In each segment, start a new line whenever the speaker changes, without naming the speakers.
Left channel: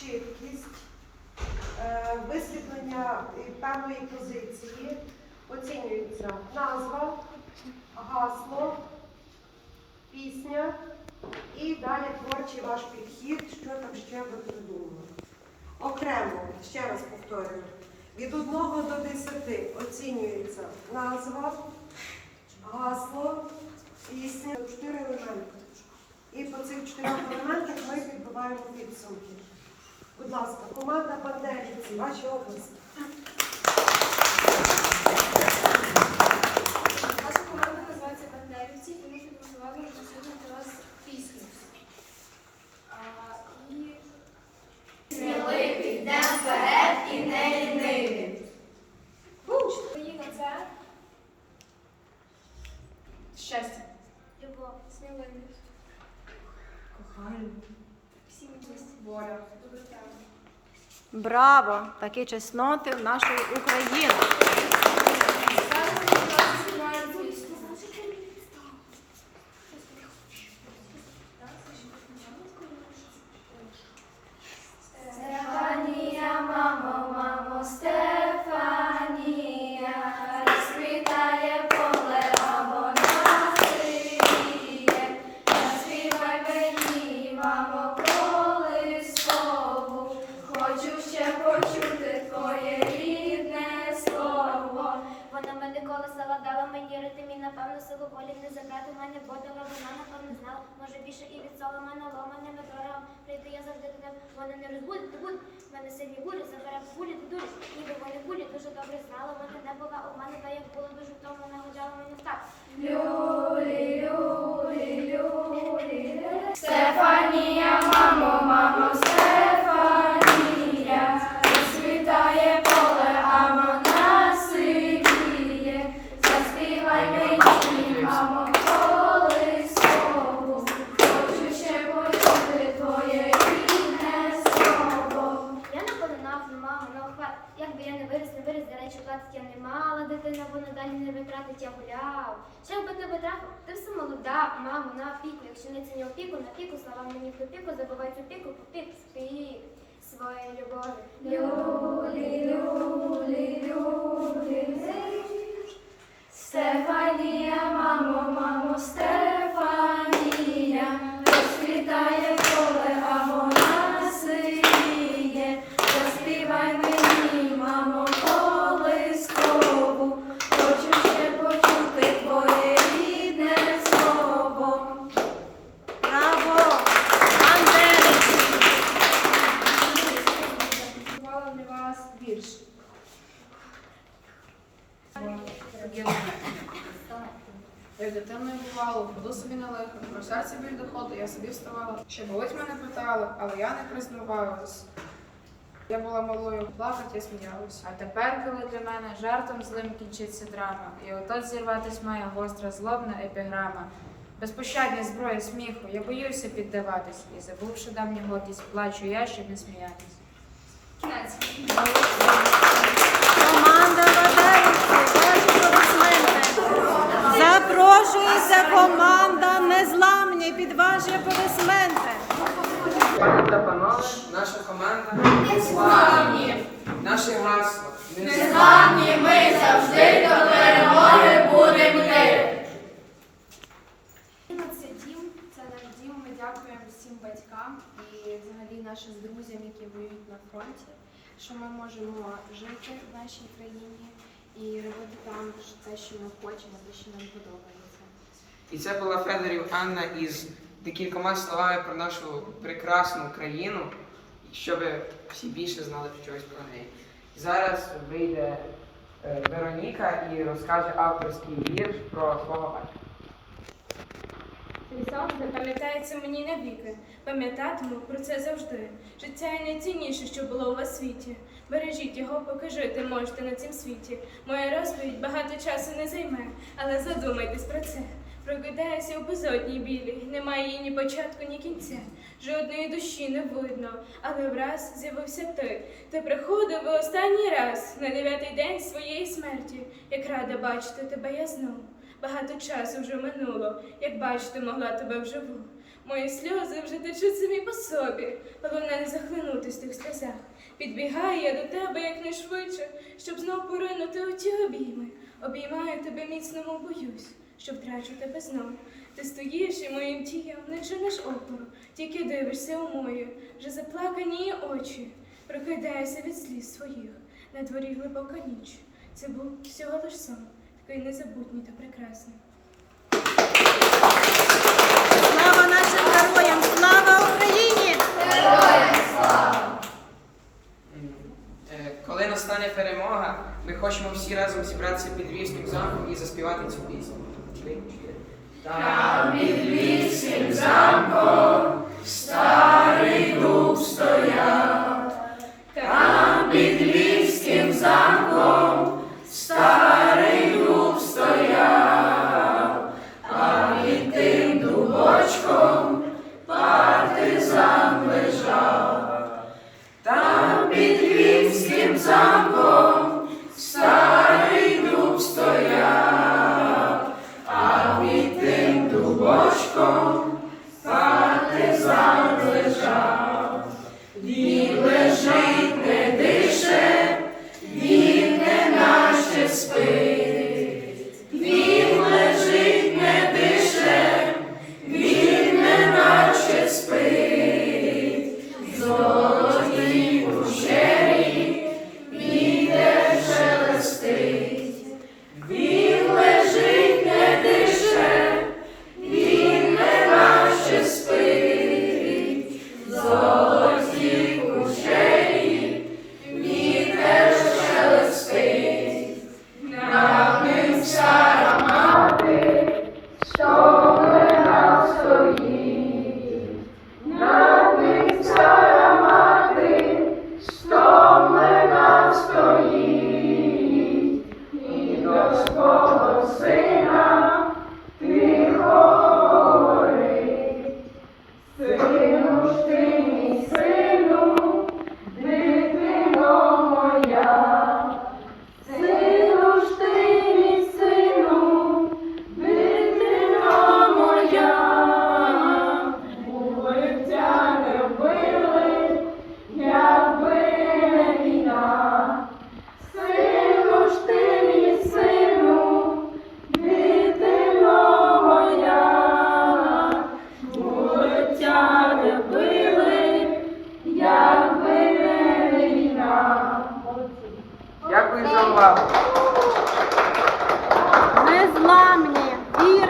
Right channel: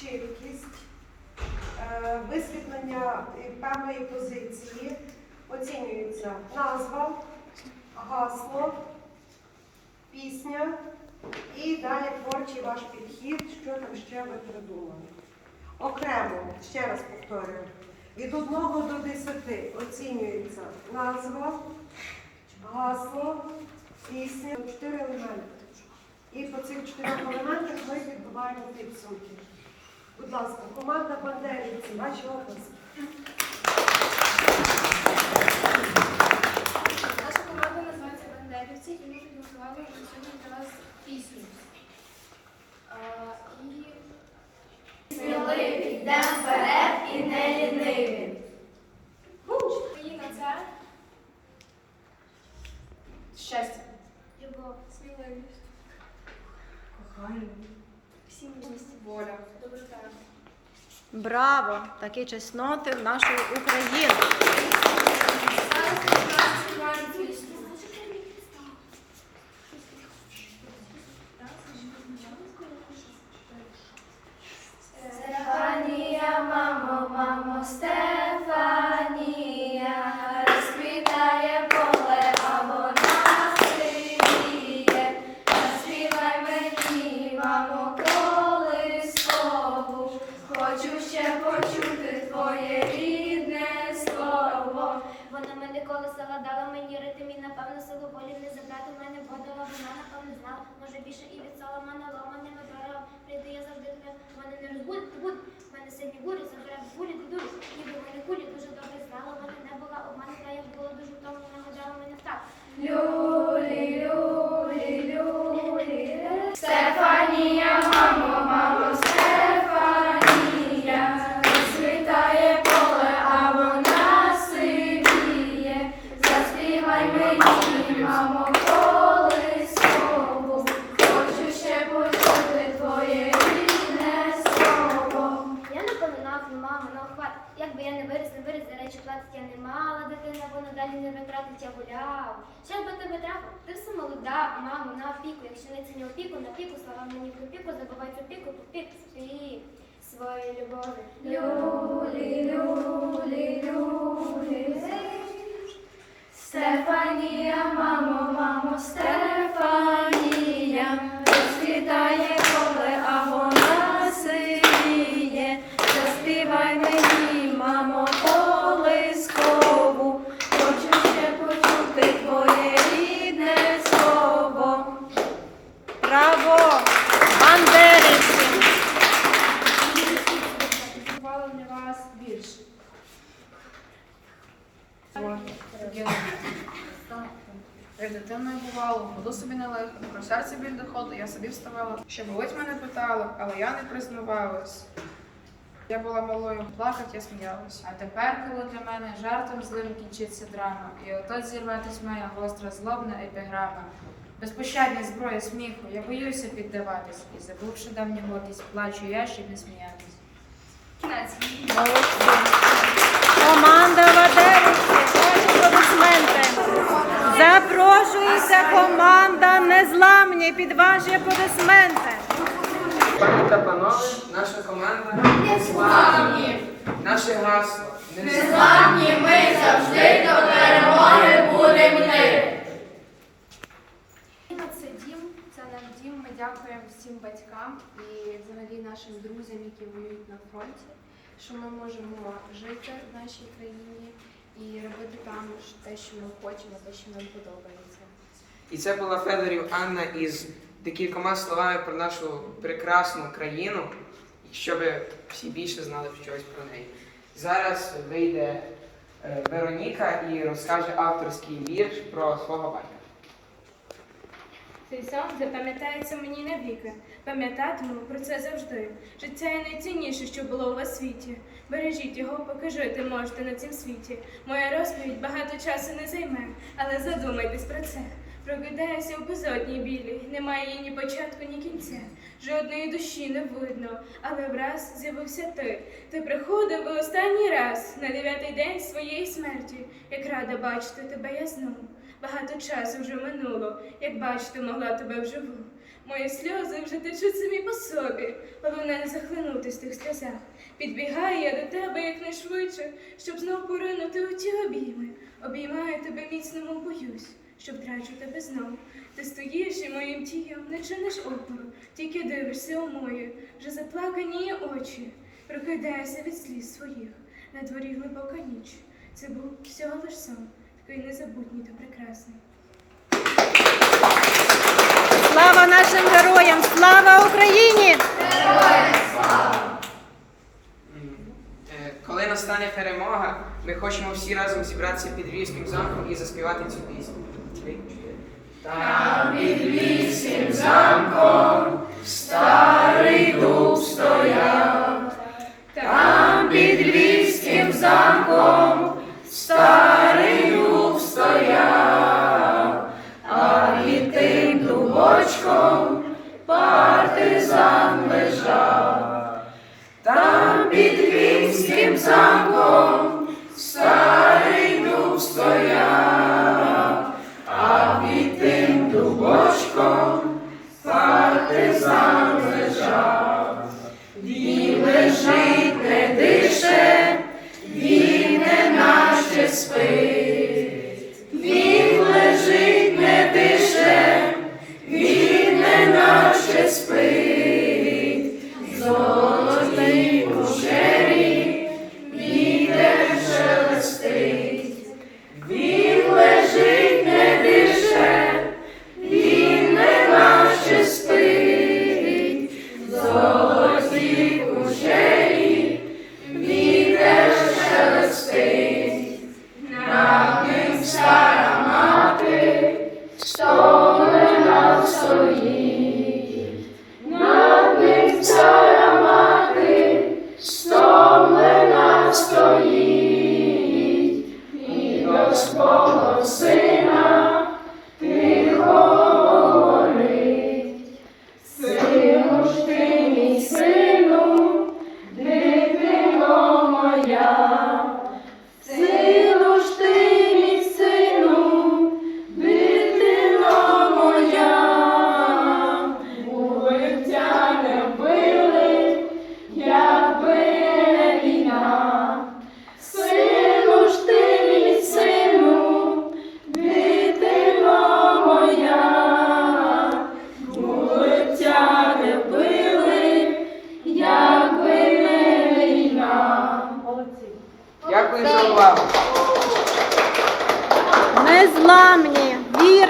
чіткість, е, висвітлення певної позиції. Оцінюється назва, гасло, пісня і далі творчий ваш підхід, що там ще ви придумали. Окремо, ще раз повторюю, від 1 до 10 оцінюється назва, гасло, пісня, чотири елементи. І по цих чотирьох елементах ми підбиваємо підсумки. Будь ласка, команда Бандерівці, ваші області.
Наша команда називається Бандерівці, і ми підготували сьогодні для вас пісню. А, і
Сміливі,
Браво! Такі чесноти нашої України.
Твоє рідне слово.
Вона мене колесала, дала мені ритм і напевно силу волі не забрати в мене бодала, вона напевно знала, може більше і від соломана ломаними дорогами. Прийду я завжди до тебе, мене не розбудить, не. В мене сильні бурі, забере кулі, дурі. Ніби вони кулі дуже добре знала, вона не була обманута, як було дуже втомлена, нагодала мене в так.
Люлі, люлі, люлі. Стефанія, мамо, мамо, Стефанія, розцвітає поле, а вона сидіє. Заспівай мені, мамо, колискову, хочу ще почути твоє рідне слово.
Я не полинав, не мав мене охват. Якби я не виріс, не виріс, до речі, платить я не мала дитина, бо надалі не витратить, я гуляв. Що би тебе трапив? Ти все молода, мамо, на опіку. Якщо не ціню опіку, на піку, слава мені в піку, забувай цю піку, ти спів своєї любові.
Люлі, люлі, люлі. Стефанія, мамо, мамо, Стефанія, розквітає
Як дитиною бувало, буду собі нелегко, про серце біль доходу, я собі вставала. Що болить мене питала, але я не признавалась. Я була малою, плакать я сміялась.
А тепер, коли для мене жартом злим кінчиться драма, і отот зірватись має гостра злобна епіграма. Безпощадні зброї сміху, я боюся піддаватись, і забувши давню гордість, плачу я, щоб не сміятись.
Кінець.
Команда аплодисменти. Запрошується команда Незламні під ваші аплодисменти.
Та панове, наша команда Незламні. Наше гасло
Незламні ми завжди до перемоги будемо йти.
Це дім, це наш дім. Ми дякуємо всім батькам і взагалі нашим друзям, які воюють на фронті, що ми можемо жити в нашій країні і робити там те, що ми хочемо, те, що нам подобається.
І це була Федорів Анна із декількома словами про нашу прекрасну країну, щоб всі більше знали щось про неї. Зараз вийде е, Вероніка і розкаже авторський вірш про свого батька.
Цей сон запам'ятається мені навіки. Пам'ятатиму про це завжди. Життя є найцінніше, що було у вас світі. Бережіть його, поки жити можете на цім світі. Моя розповідь багато часу не займе, але задумайтесь про це. Прокидаюся у безодній білій, немає її ні початку, ні кінця. Жодної душі не видно, але враз з'явився ти. Ти приходив у останній раз на дев'ятий день своєї смерті. Як рада бачити тебе я знову. Багато часу вже минуло, як бачити могла тебе вживу. Мої сльози вже течуть самі по собі. Головне не захлинутись в тих сльозах. Підбігаю я до тебе якнайшвидше, щоб знов поринути у ті обійми. Обіймаю тебе міцно, боюсь, що втрачу тебе знов. Ти стоїш і моїм тієм не чиниш опору, тільки дивишся у мої, вже заплакані очі. Прокидаюся від сліз своїх, на дворі глибока ніч. Це був всього лиш сон, такий незабутній та прекрасний.
Слава нашим героям! Слава Україні!
М, е, Коли настане перемога, ми хочемо всі разом зібратися під Львівським замком і заспівати цю пісню. Там під Львівським замком старий дух стояв. Там під Львівським замком дубочком партизан лежав. Там під Львівським замком старий дуб стояв, а під тим дубочком партизан лежав. Він лежить, не дише, він не наче спить. І до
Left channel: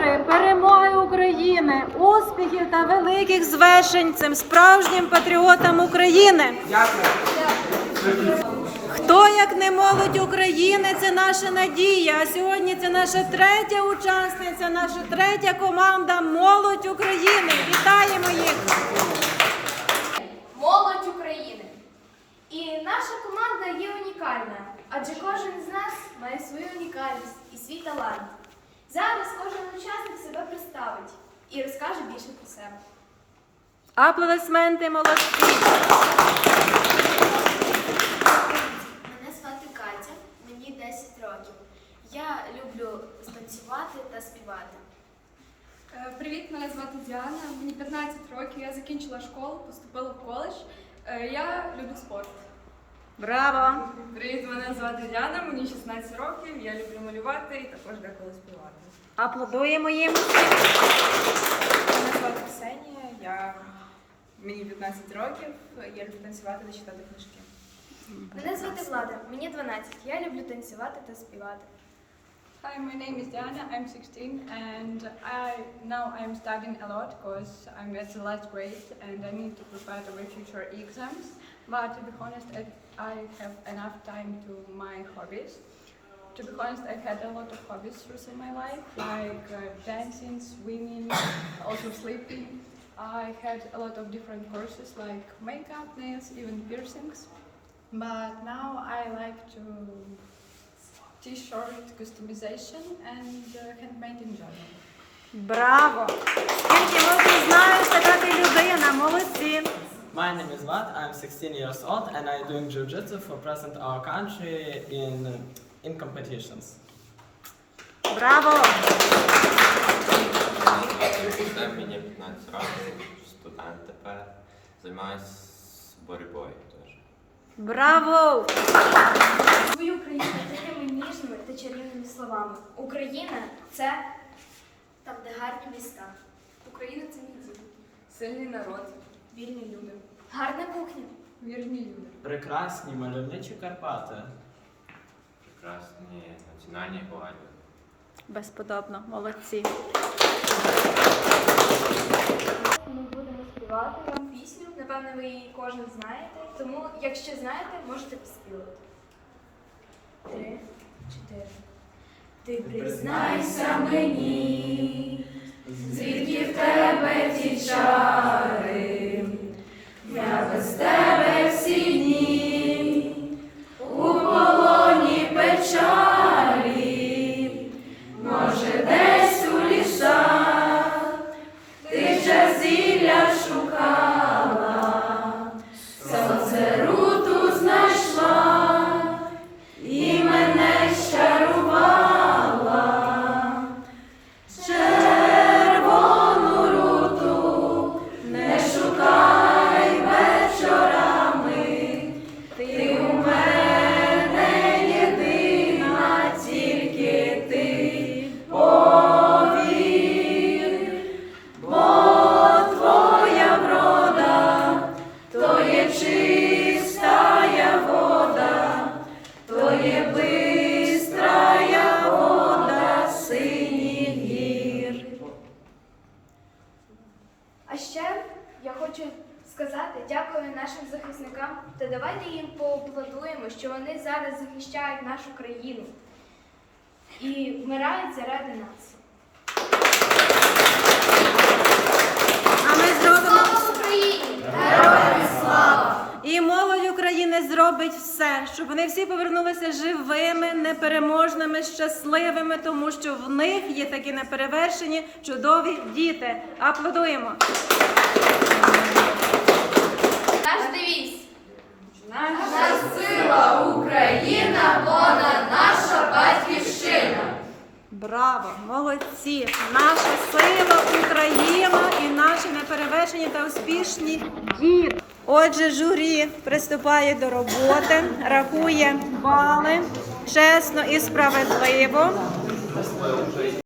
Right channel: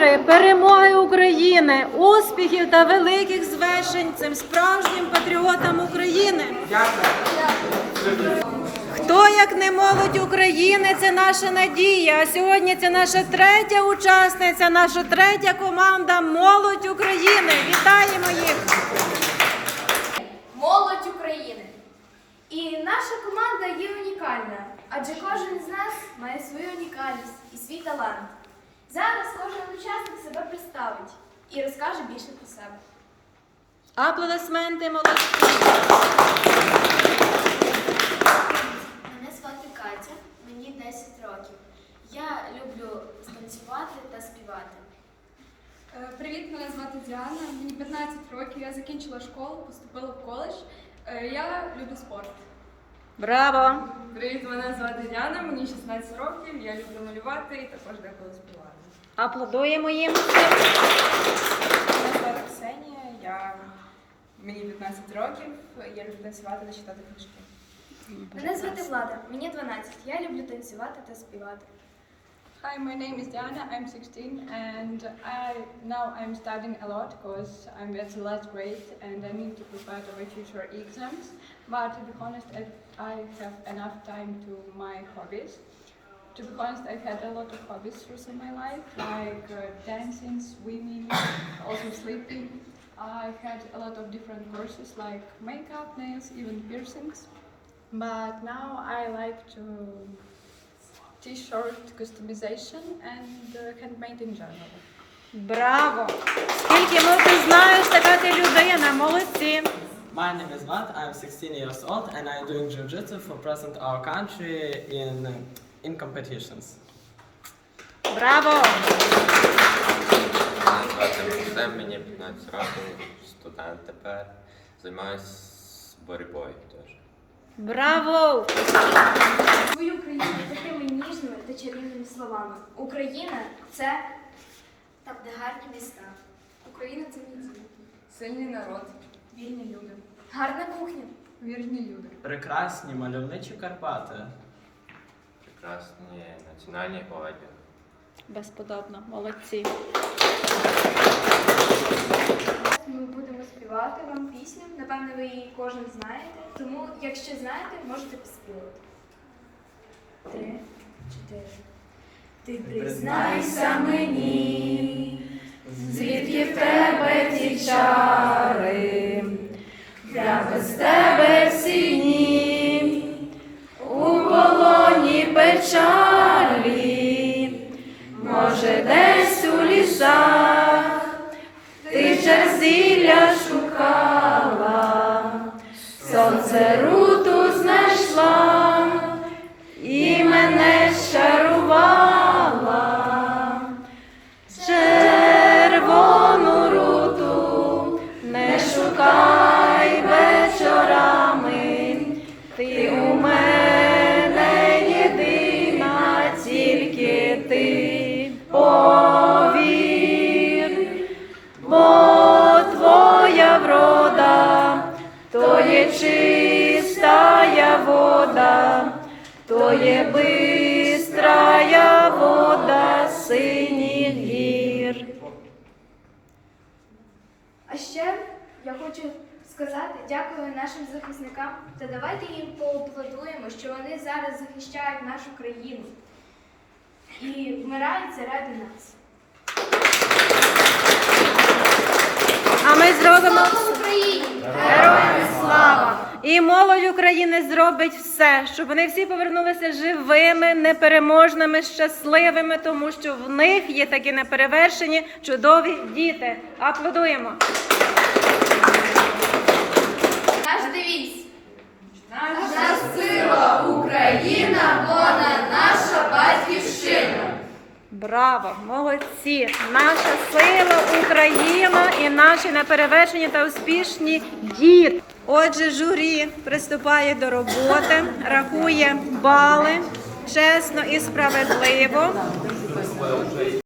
віри, перемоги України, успіхів та великих звершень цим справжнім патріотам України. Хто як не молодь України, це наша надія. А сьогодні це наша третя учасниця, наша третя команда Молодь України. Вітаємо їх!
Молодь України. І наша команда є унікальна, адже кожен з нас має свою унікальність і свій талант. Зараз кожен учасник себе представить і розкаже більше про себе.
Аплодисменти молодці!
Мене звати Катя, мені 10 років. Я люблю станцювати та співати.
Е, Привіт, мене звати Діана. Мені 15 років. Я закінчила школу, поступила в коледж. Е, Я люблю спорт.
Браво!
Привіт, мене звати Діана, мені 16 років. Я люблю малювати і також деколи співати.
Аплодуємо їм.
Мене звати Ксенія, я мені 15 років, я люблю танцювати та читати книжки.
Мене звати Влада, мені 12. Я люблю танцювати та співати.
Hi, my name is Diana. I'm 16 and I now I'm studying a lot because I'm at the last grade and I need to prepare my future exams. But to be honest, I, I have enough time to my hobbies. To be honest, I had a lot of hobbies through my life, like uh, dancing, swimming, also sleeping. I had a lot of different courses like makeup, nails, even piercings. But now I like to t-shirt customization and uh, handmade in general.
Браво! Скільки ну ти знаєш, така ти людина, молодці!
My name is Vlad. I'm 16 years old and I'm doing jiu-jitsu for present our country in in competitions.
Браво!
Звати Максим, мені 15 років. студент тепер. Займаюся боротьбою теж.
Браво!
Свою країну такими ніжними та чарівними словами. Україна це там, де гарні міста. Україна це мій дім.
Сильний народ, вільні люди,
Гарна кухня.
вірні люди.
Прекрасні мальовничі Карпати.
Прекрасні національні одяг.
Безподобно, молодці.
Ми будемо співати вам пісню. Напевне, ви її кожен знаєте. Тому, якщо знаєте, можете поспівати. Три, чотири. Ти
Признайся мені,
давайте їм поаплодуємо, що вони зараз захищають нашу країну і вмирають заради нас.
А ми зробимо
Слава Україні!
героям слава! І молодь України зробить все, щоб вони всі повернулися живими, непереможними, щасливими, тому що в них є такі неперевершені чудові діти. Аплодуємо!
Наш девіз.
Наша сила Україна, вона наша батьківщина.
Браво, молодці! Наша сила Україна і наші неперевершені та успішні діти. Отже, журі приступає до роботи, рахує бали чесно і справедливо.